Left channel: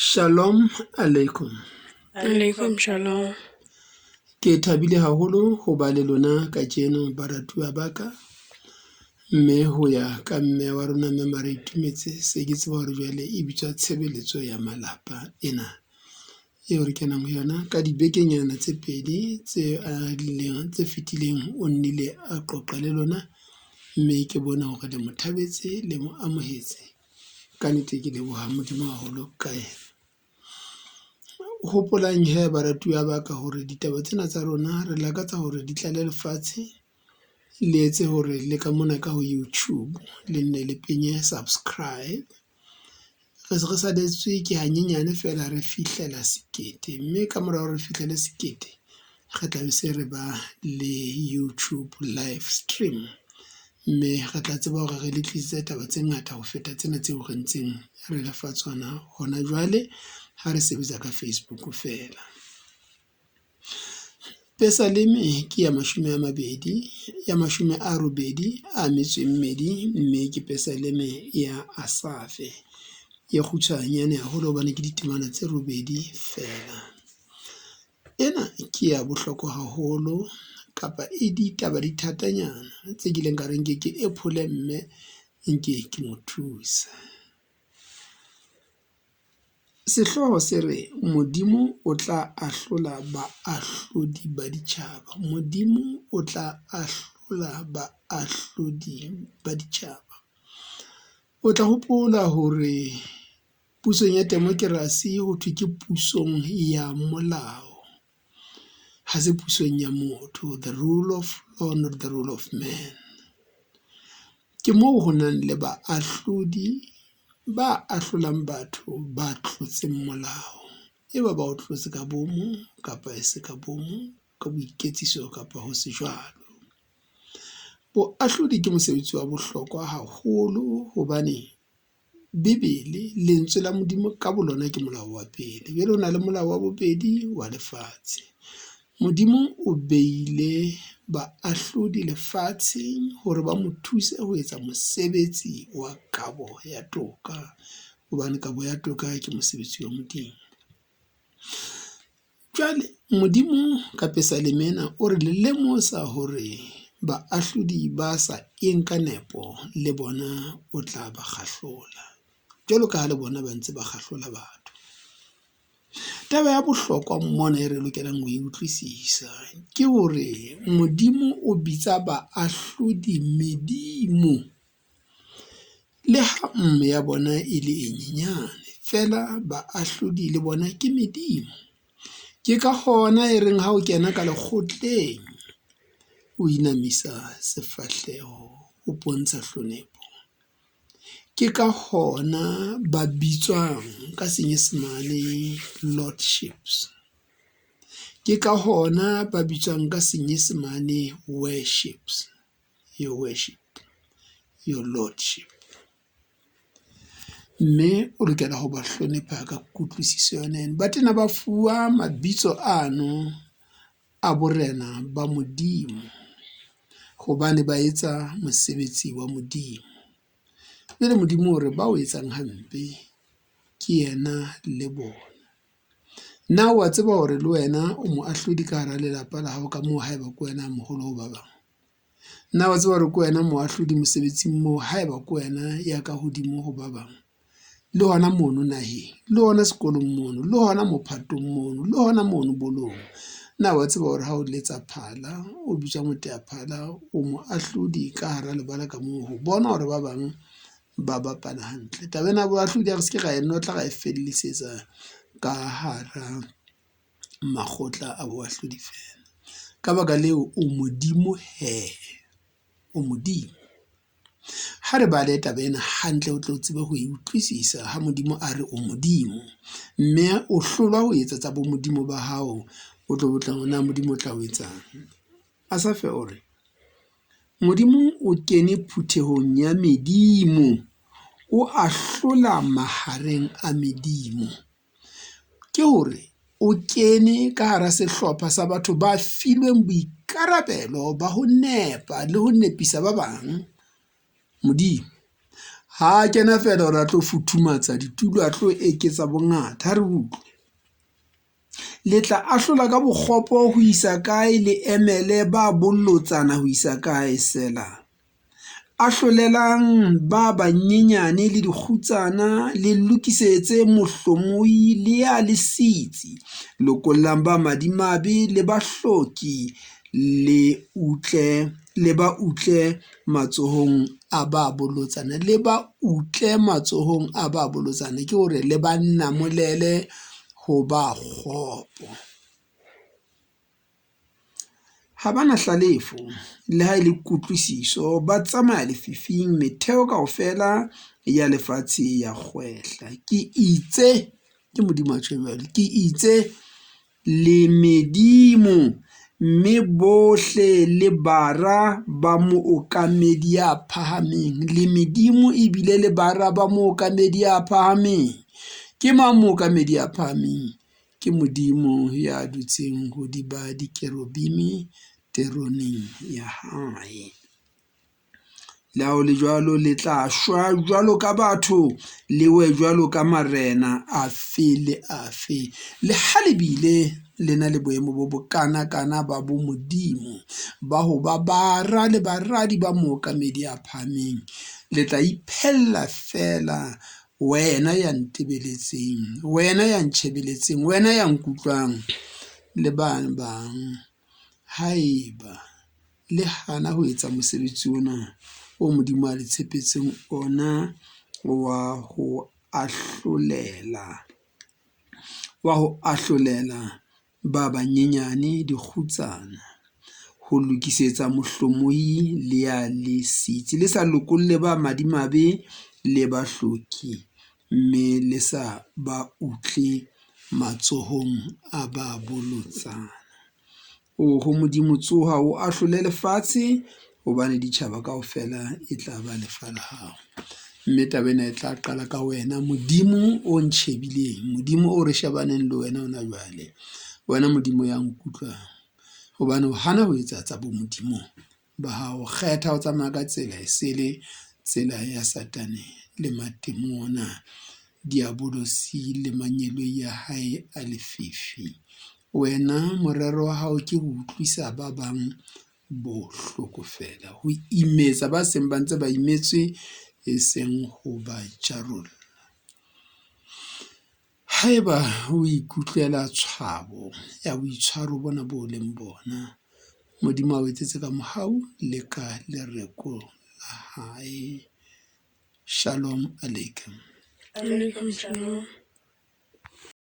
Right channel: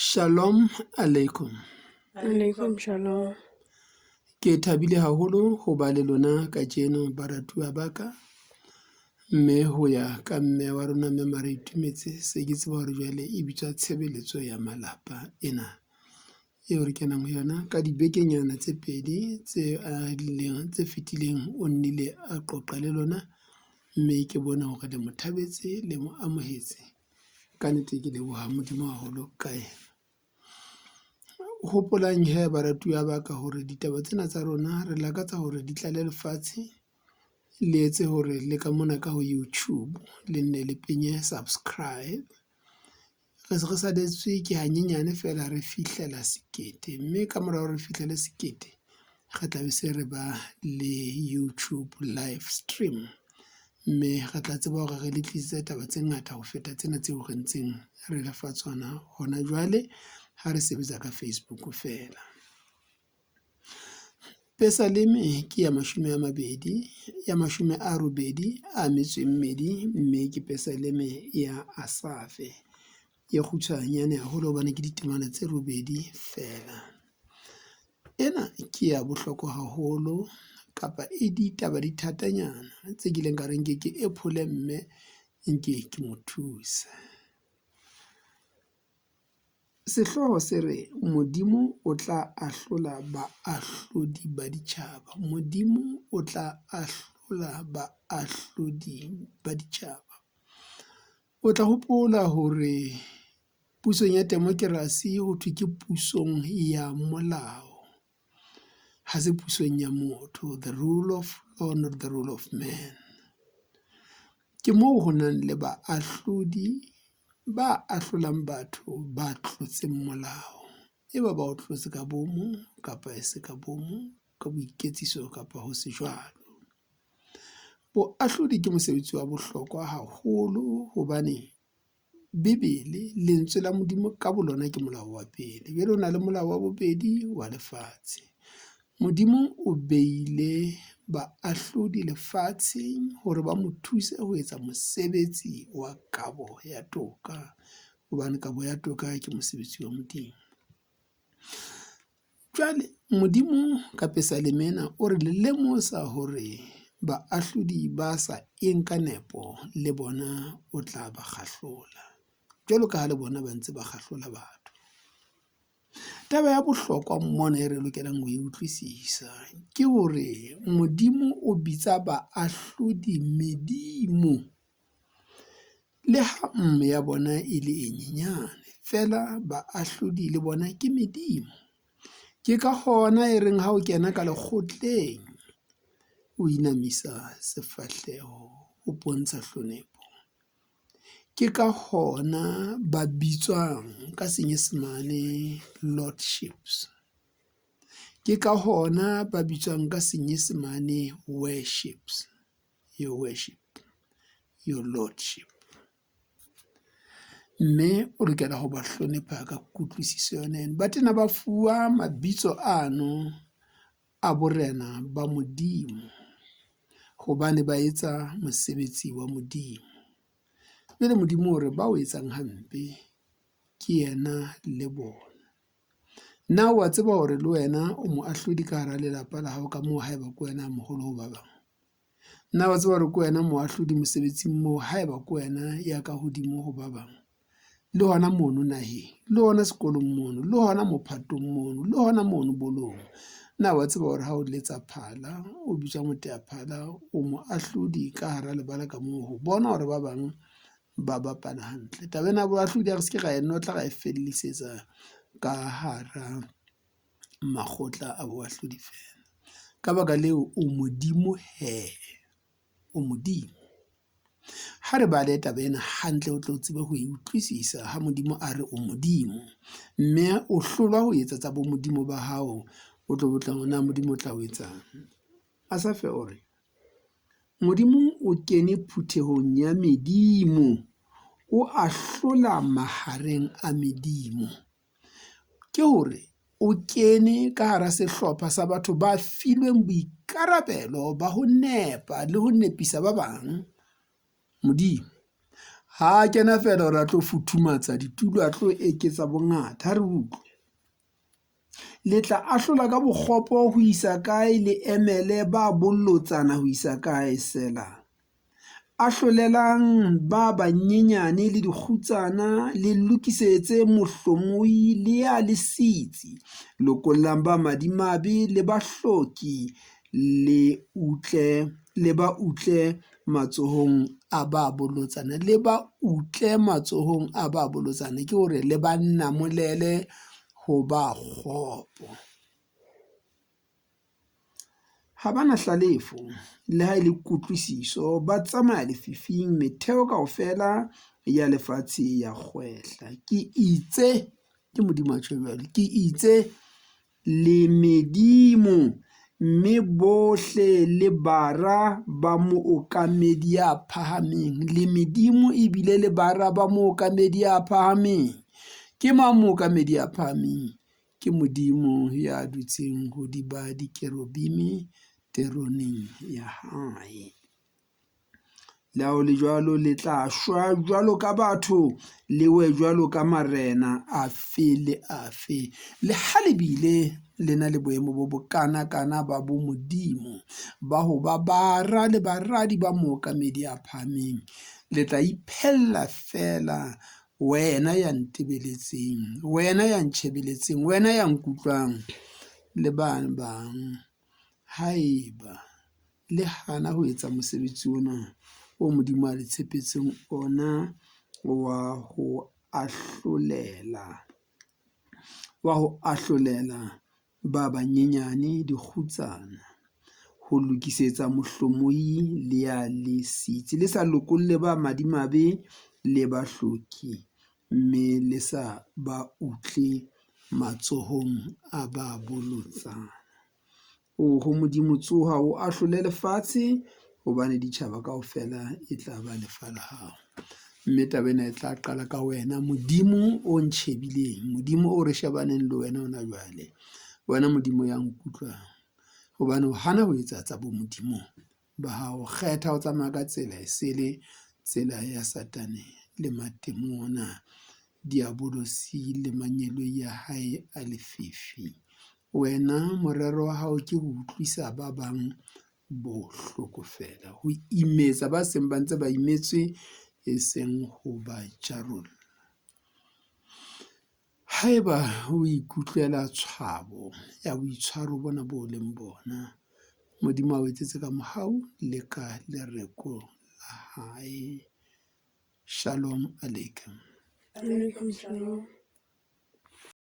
Shalom alaikum. Alaikum shalom. Ke thabile haholo ho ba le lona ka jeno baratuwa baka, mme ho ya ka mme wa rona mme Mara Itumetse se ke tseba hore jwale e bitswa tshebeletso ya malapa ena eo re kenang ho yona ka dibekenyana tse pedi tse fetileng. O nnile a qoqa le lona, mme ke bona hore le mo thabetse le mo amohetse. Ka nnete ke leboha Modimo haholo ka yena. Hopolang he baratuwa ba ka hore ditaba tsena tsa rona re lakatsa hore di tlale lefatshe, le etse hore le ka mona ka ho YouTube le nne le penye subscribe. Re se re saletswe ke hanyenyane fela re fihlela 1,000, mme ka mora hore re fihlele 1,000 re tla be se re ba le YouTube live stream, mme re tla tseba hore re le tlisitse taba tse ngata ho feta tsena tseo re ntseng re lefa tsona hona jwale ha re sebetsa ka Facebook fela. Pesaleme ke ya 80 a metso e mmedi, mme ke pesaleme ya Asafe e kgutshwanyane haholo hobane ke ditemana tse 8 fela. Ena ke ya bohlokwa haholo, kapa e ditaba di thatanyana tse kileng ka reng ke ephole mme nke ke mo thusa. Sehloho se re Modimo o tla ahlola baahlodi ba ditjhaba. Modimo o tla ahlola baahlodi ba ditjhaba. O tla hopola hore pusong ya demokrasi ho thwe ke pusong ya molao, ha se pusong ya motho, the rule of law not the rule of man. Ke moo ho nang le baahlodi ba ahlolang batho ba tlotseng molao, e ba o tlotse ka bomo kapa e se ka bomo, ka boiketsiso kapa ho se jwalo. Boahlodi ke mosebetsi wa bohlokwa haholo hobane Bibele, lentswe la Modimo ka bolona ke molao wa pele, jwale ho na le molao wa bobedi wa lefatshe. Modimo o beile baahlodi lefatsheng hore ba mo thuse ho etsa mosebetsi wa kabo ya toka, hobane kabo ya toka ke mosebetsi wa Modimo. Jwale Modimo ka pesalemena o re le lemosa hore baahlodi ba sa eng ka nepo le bona o tla ba kgahlola, jwalo ka ha le bona ba ntse ba kgahlola batho. Taba ya bohlokwa mona e re lokelang ho e utlwisisa ke hore Modimo o bitsa baahlodi medimo, le ha mme ya bona e le e nyenyane fela baahlodi le bona ke medimo. Ke ka hona e reng ha o kena ka lekgotleng o inamisa sefahleho, o bontsha hlonepo. Ke ka hona ba bitswang ka Senyesemane lordships, ke ka hona ba bitswang ka Senyesemane worships, your worship, your lordship. Mme o lokela ho ba hlonepha ka kutlwisiso yona. Ba tena ba fuwa mabitso ano a borena ba Modimo hobane ba etsa mosebetsi wa Modimo. Mme le Modimo hore ba o etsang hampe ke yena le bona. Na wa tseba hore le wena o moahlodi ka hara lelapa la hao ka moo haeba ke wena moholo ho ba bang? Na wa tseba hore ke wena moahlodi mosebetsing moo haeba ke wena ya ka hodimo ho ba bang? Le hona mono naheng, le hona sekolong mono, le hona mophatong mono, le hona mono bolong. Na wa tseba hore ha o letsa phala, o bitswa moteaphala, o moahlodi ka hara lebala ka moo ho bona hore ba bang ba bapala hantle. Taba ena boahlodi re se ke ra e notla ra e fellisetsa ka hara makgotla a boahlodi fela. Ka baka leo o modimo he, o modimo. Ha re bale taba ena hantle o tlo tseba ho e utlwisisa ha Modimo a re o modimo, mme o hlolwa ho etsa tsa bo modimo ba hao, o tlo botla hona Modimo o tla o etsang. Asafe o re Modimo o kene phutehong ya medimo, o ahlola mahareng a medimo. Ke hore o kene ka hara sehlopha sa batho ba filweng boikarabelo ba ho nepa le ho nepisa ba bang. Modimo ha a kena fela hore a tlo futhumatsa ditulo, a tlo eketsa bongata. Ha re utlwe le tla ahlola ka bokgopo ho isa kae, le emele ba bollotsana ho isa kae sela. Ahlolelang ba banyenyane le dikgutsana, le lokisetse mohlomoi le ya le sitsi. Lokollang ba madimabe le bahloki, le ba utle matsohong a ba bolotsana. Le ba utle matsohong a ba bolotsana ke hore le ba nnamolele ho ba kgopo. Ha bana hlalefo le ha ile kutlwisiso, ba tsamaya lefifing, metheo kaofela ya lefatshe ya kgwehla. Ke itse, ke Modimo a tjho jwalo, ke itse le medimo, mme bohle le bara ba mookamedi ya phahameng. Le medimo ebile le bara ba mookamedi ya phahameng. Ke mang mookamedi ya phahameng? Ke Modimo ya dutseng hodima dikerubimi teroneng ya hae. Le ha ho le jwalo, le tla shwa jwalo ka batho, le we jwalo ka marena afe le afe. Le ha le bile le na le boemo bo bokanakana ba bo Modimo ba ho ba bara le baradi ba mookamedi ya phahameng, le tla iphella fela, wena ya ntebeletseng, wena ya ntjhebeletseng, wena ya nkutlwang, le bang haeba le hana ho etsa mosebetsi ona o Modimo a le tshepetseng ona wa ho ahlolela ba banyenyane dikgutsana, ho lokisetsa mohlomoi le ya le sitsi, le sa lokolle ba madimabe le bahloki, mme le sa ba utle matsohong a ba bolotsana. Ho Modimo tsoha o ahlole lefatshe, hobane ditjhaba kaofela e tla ba lefa la hao. Mme taba ena e tla qala ka wena, Modimo o ntjhebileng, Modimo o re shebaneng le wena hona jwale, wena Modimo ya nkutlwang, hobane o hana ho etsa tsa bo Modimo ba hao. Kgetha ho tsamaya ka tsela e sele tsela ya Satane le matemo ona, diabolosi le manyelo ya hae a lefifi. Wena morero wa hao ke ho utlwisa ba bang bohloko fela, ho imetsa ba seng ba ntse ba imetswe, e seng ho ba jarolla. Haeba o ikutlwela tshwabo ya boitshwaro bona bo leng bona, Modimo a o etsetse ka mohau le ka lereko la hae. Shalom aleikum. Alaikum salam.